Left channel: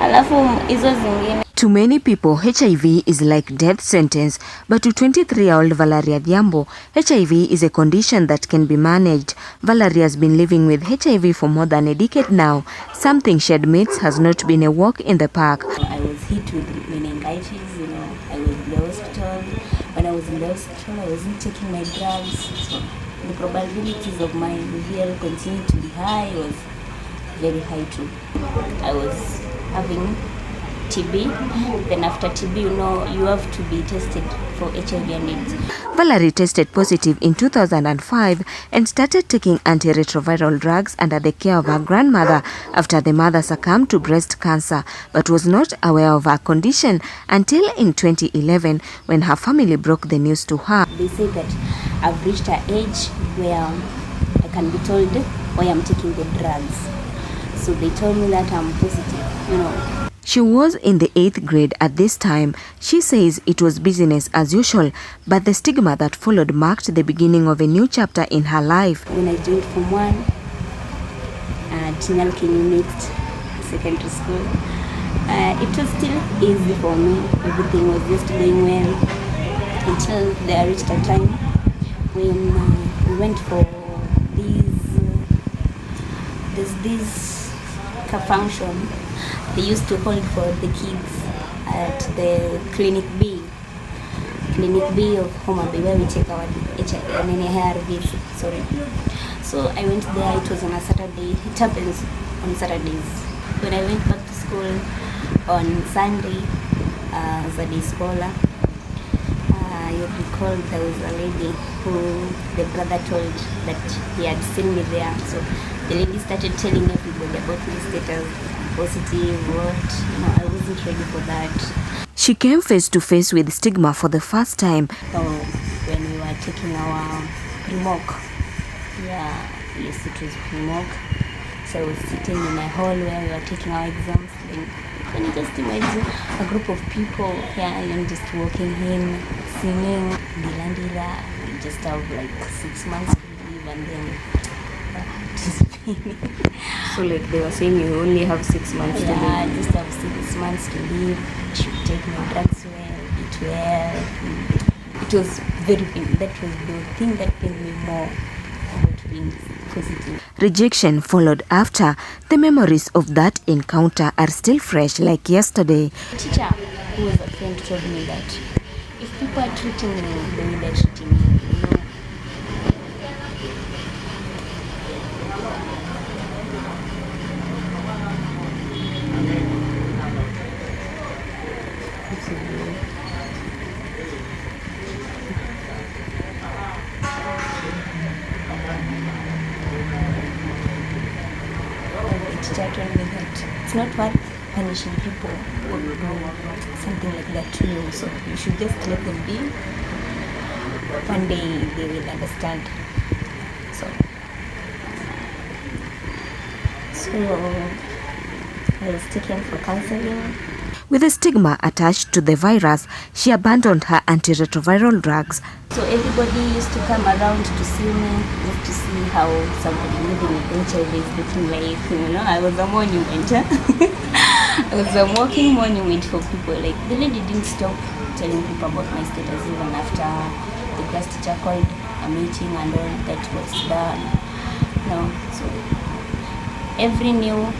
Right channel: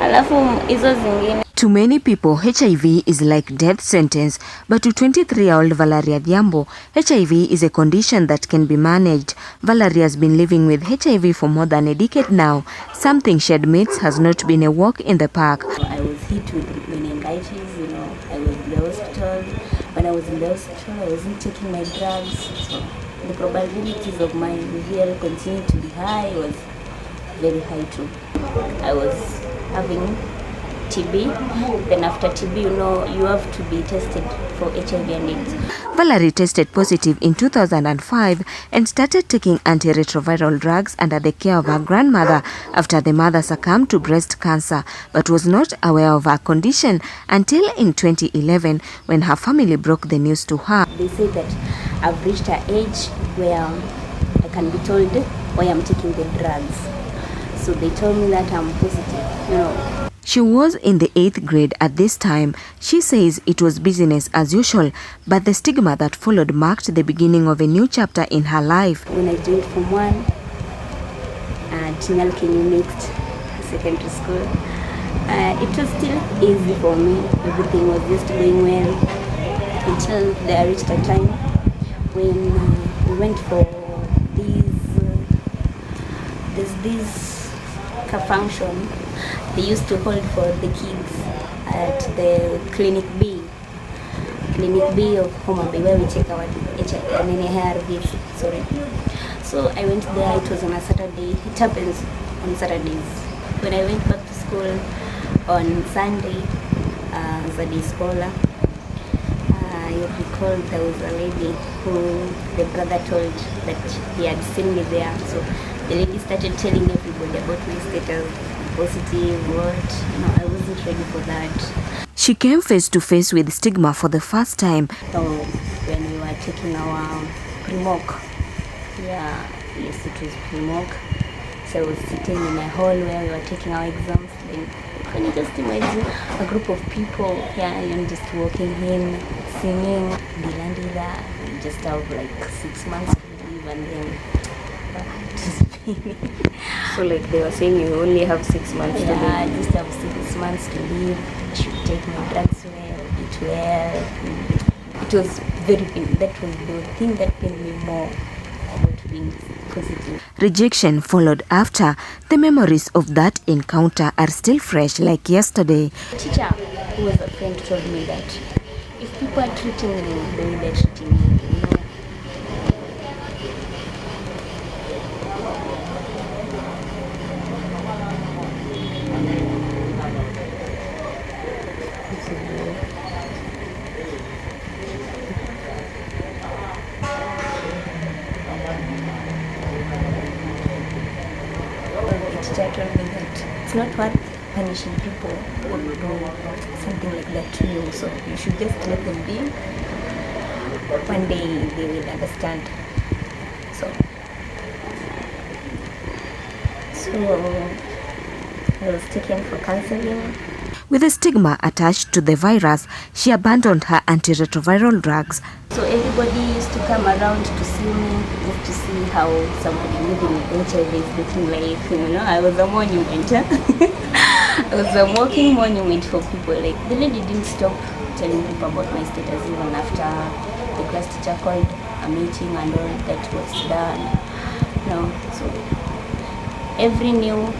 Alafu hizo zingine. To many people, HIV is like death sentence, but to 23-year-old Valaria Adhiambo, HIV is a condition that can be managed. Valary has been living with HIV for more than a decade now. Something she admits has not been a walk in the park. I was hit with meningitis, I was in the hospital. When I was in the hospital, I wasn't taking my drugs. So the probabilities of my VL continuing to be high was very high too. I was having TB. Then after TB, you have to be tested for HIV and AIDS. Valary tested positive in 2005 and started taking antiretroviral drugs under the care of her grandmother after the mother succumbed to breast cancer, but was not aware of her condition until in 2011 when her family broke the news to her. They said that I've reached an age where I can be told why I'm taking the drugs. So they told me that I'm positive, She was in the 8th grade at this time. She says it was business as usual, but the stigma that followed marked the beginning of a new chapter in her life. When I joined Form 1 at Tinalkini Mixed Secondary School, it was still easy for me. Everything was just going well until there reached a time when we went for this function they used to hold for the kids at the Clinic B of Homa Bay, where we take our ARVs. So I went there. It was on a Saturday. It happens on Saturdays. When I went back to school on Sunday as a day scholar, you recall there was a lady who the brother told that he had seen me there. So the lady started telling everybody about my status, positive, what. I wasn't ready for that. She came face to face with stigma for the first time. So when we were taking our pre-mock, yes, it was pre-mock. So I was sitting in a hall where we were taking our exams. Then can you just imagine a group of people just walking in, singing, Dilandila. We just have like 6 months to live and then. So like they were saying, you only have 6 months to live. I just have 6 months to live. I should take my drugs well, eat well. It was very painful. That was the thing that pained me more about being positive. Rejection followed after. The memories of that encounter are still fresh like yesterday. The teacher who was a friend told me that if people are treating me the way they're treating me, told me that it's not worth punishing people who do something like that to you, so you should just let them be. One day they will understand. So I was taken for counseling. With a stigma attached to the virus, she abandoned her antiretroviral drugs. So everybody used to come around to see me, just to see how somebody living with HIV is looking like. I was a monument. I was a walking monument for people. Like the lady didn't stop telling people about my status even after the class teacher called a meeting and all that was done. So every new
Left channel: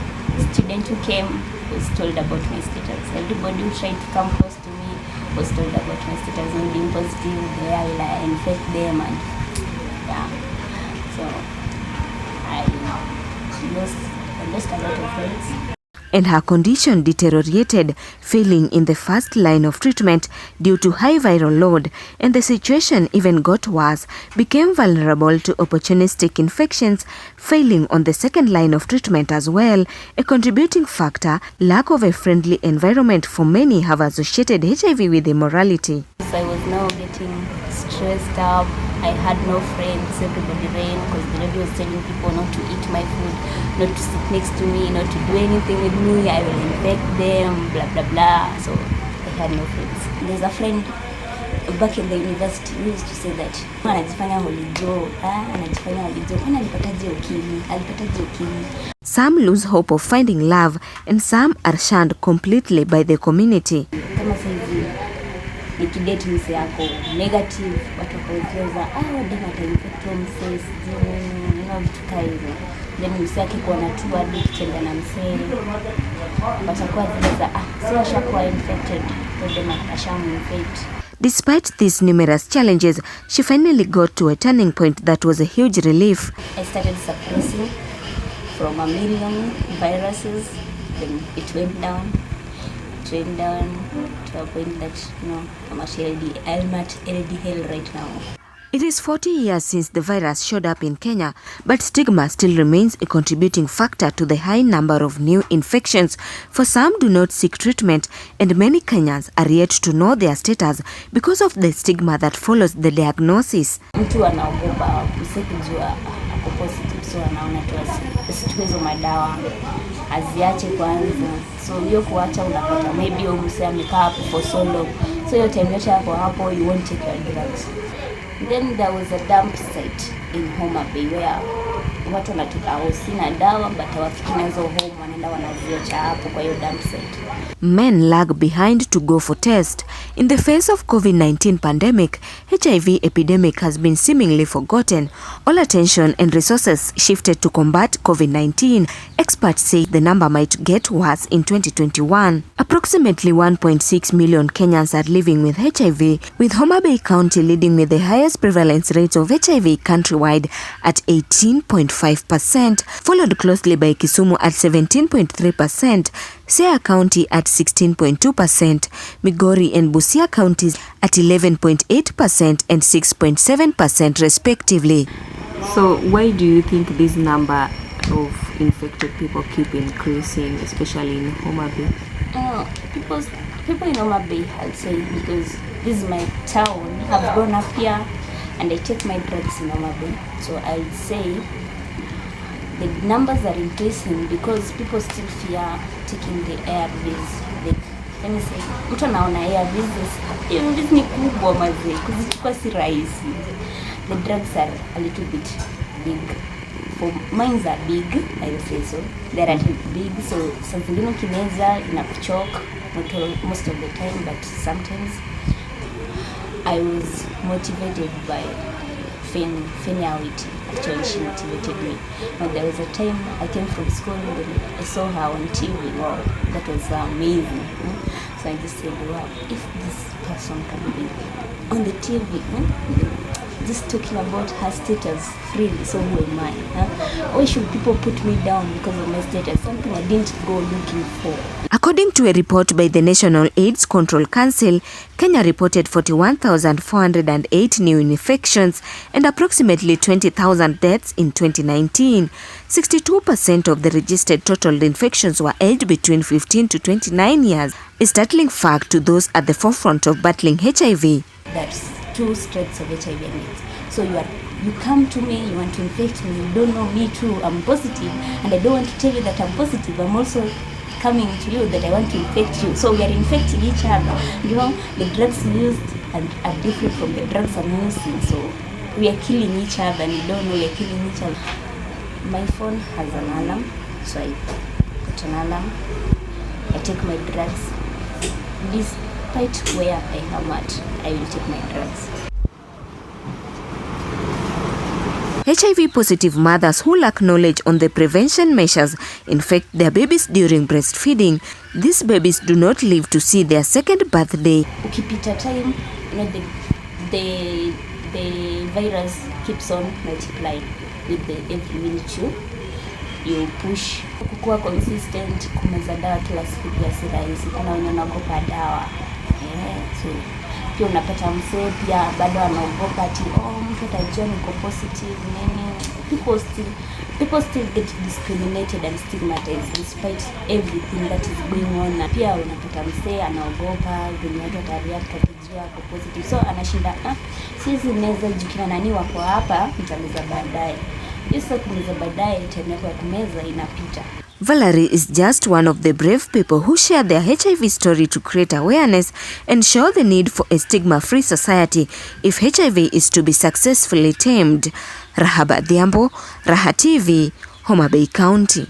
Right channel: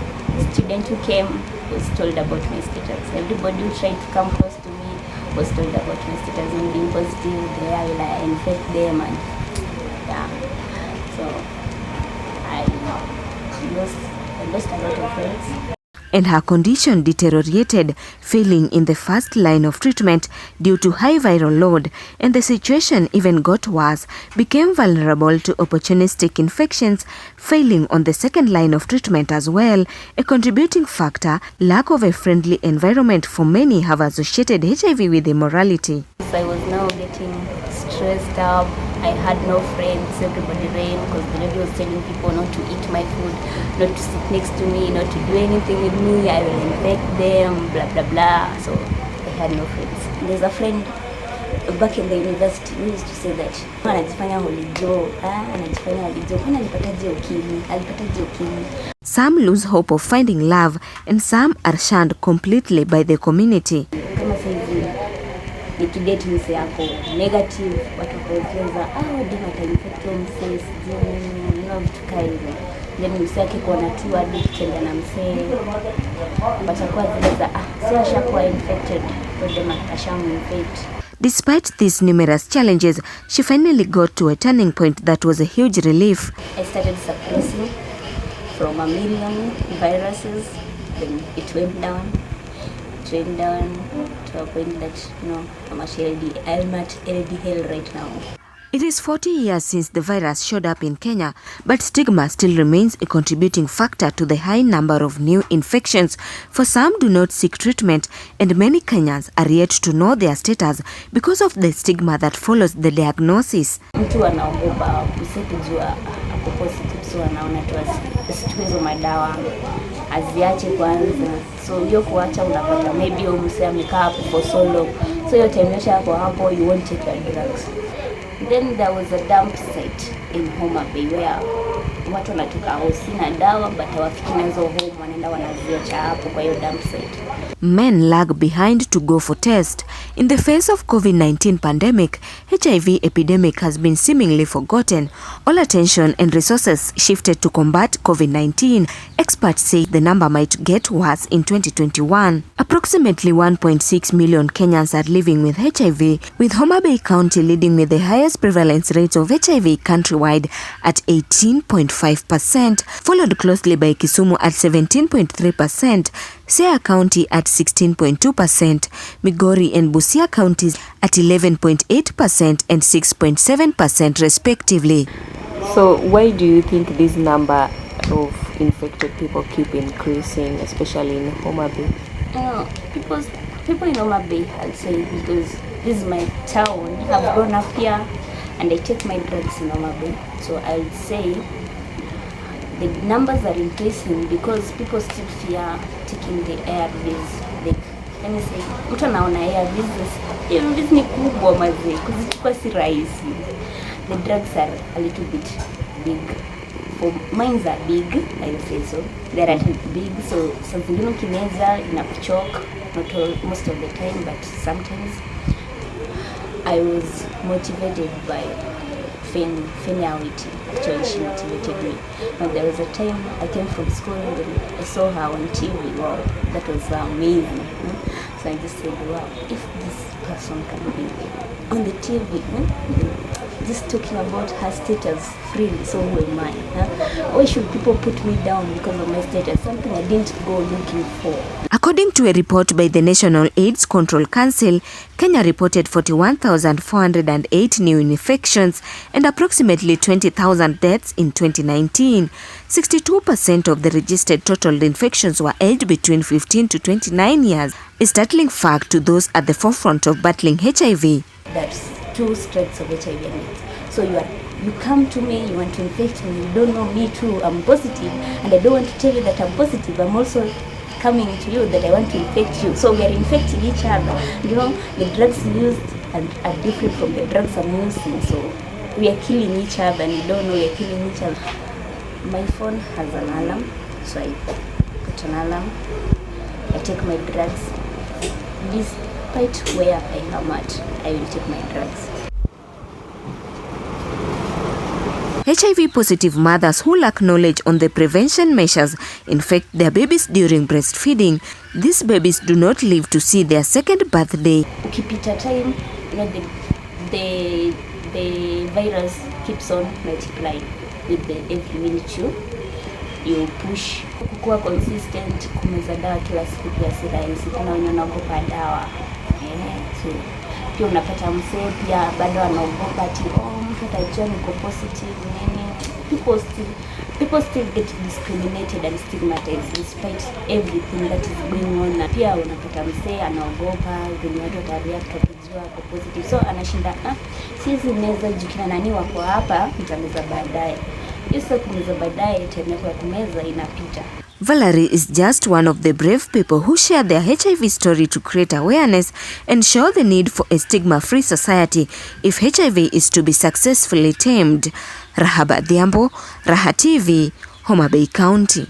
student who came was told about my status. Everybody who tried to come close to me was told about my status and being positive, where will I infect them, and so I lost a lot of friends. And her condition deteriorated, failing in the first line of treatment due to high viral load, and the situation even got worse, became vulnerable to opportunistic infections, failing on the second line of treatment as well. A contributing factor, lack of a friendly environment for many have associated HIV with immorality. I was now getting stressed up. I had no friends, everybody ran because the lady was telling people not to eat my food, not to sit next to me, not to do anything with me, I will infect them, blah blah blah. So I had no friends. There's a friend back in the university, we used to say that anajifanya holijo, anajifanya holijo, kana alipataje ukimwi. Some lose hope of finding love and some are shunned completely by the community. Kama sisi nikidate mse yako negative, watu wakaeleza dima atainfectwa mse, vitu kama hivyo. Yaani mse yake kuwa na tu hadi kutenda na mse, watakuwa zile za sio ashakuwa infected, ndio ashamu-infect. Despite these numerous challenges, she finally got to a turning point that was a huge relief. I started suppressing from 1 million viruses, then it went down to a point that, I'm actually LDL right now. It is 40 years since the virus showed up in Kenya, but stigma still remains a contributing factor to the high number of new infections. For some do not seek treatment, and many Kenyans are yet to know their status because of the stigma that follows the diagnosis. Mtu anaogopa usikijua ako positive, so anaona tu asichukue hizo madawa, aziache kwanza. So hiyo kuacha unapata maybe mse amekaa hapo for so long, so hiyo time hapo you won't take your drugs. Then there was a dump site in Homa Bay where watu wanatoka hosi na dawa, but hawafiki nazo home, wanaenda wanaziacha hapo kwa hiyo dump site. Men lag behind to go for test. In the face of COVID-19 pandemic, HIV epidemic has been seemingly forgotten. All attention and resources shifted to combat COVID-19. Experts say the number might get worse in 2021. Approximately 1.6 million Kenyans are living with HIV, with Homa Bay County leading with the highest prevalence rates of HIV countrywide at 18.5%, followed closely by Kisumu at 17.3%, Siaya County at 16.2%, Migori and Busia counties at 11.8% and 6.7% respectively. So why do you think this number of infected people keep increasing, especially in Homa Bay? People in Homa Bay, I'd say, because this is my town, I've grown up here and I take my drugs in Homa Bay. So I'd say the numbers are increasing because people still fear taking the ARVs. Let me say, mtu anaona ARVs, hizi ni kubwa mazee, kuzichukua si rahisi. The drugs are a little bit big. For mines are big, I would say so. They are big, so something kineza inakuchoke, not most of the time, but sometimes. I was motivated by Feniality. Actually, she motivated me. And there was a time I came from school and I saw her on TV. Wow, that was amazing. So I just said, wow, if this person can be on the TV, just talking about her status freely, so who am I? Why should people put me down because of my status? Something I didn't go looking for. According to a report by the National AIDS Control Council, Kenya reported 41,408 new infections and approximately 20,000 deaths in 2019. 62% of the registered total infections were aged between 15 to 29 years, a startling fact to those at the forefront of battling HIV. That's two strains of HIV and AIDS. So you come to me, you want to infect me, you don't know me too, I'm positive, and I don't want to tell you that I'm positive, I'm also coming to you that I want to infect you. So we are infecting each other. The drugs used are different from the drugs I'm using. So we are killing each other and we don't know we are killing each other. My phone has an alarm, so I put an alarm. I take my drugs. Despite where I am at, I will take my drugs. HIV-positive mothers who lack knowledge on the prevention measures infect their babies during breastfeeding. These babies do not live to see their second birthday. Ukipita time, the virus keeps on multiplying with every minute you push. Kukua consistent, kumeza dawa kila siku pia si rahisi. Kuna wenye wanaogopa dawa. So pia unapata msee pia bado anaogopa ati mtu atajua niko positive nini. People still get discriminated and stigmatized despite everything that is going on. Pia unapata msee anaogopa venye watu watareact kujua ako positive. So anashinda sisi naweza jikina nani wako hapa nitameza baadaye. Isa kumeza baadaye internet ya kumeza inapita. Valary is just one of the brave people who share their HIV story to create awareness and show the need for a stigma-free society if HIV is to be successfully tamed. Valaria Adhiambo, Raha TV, Homa Bay County.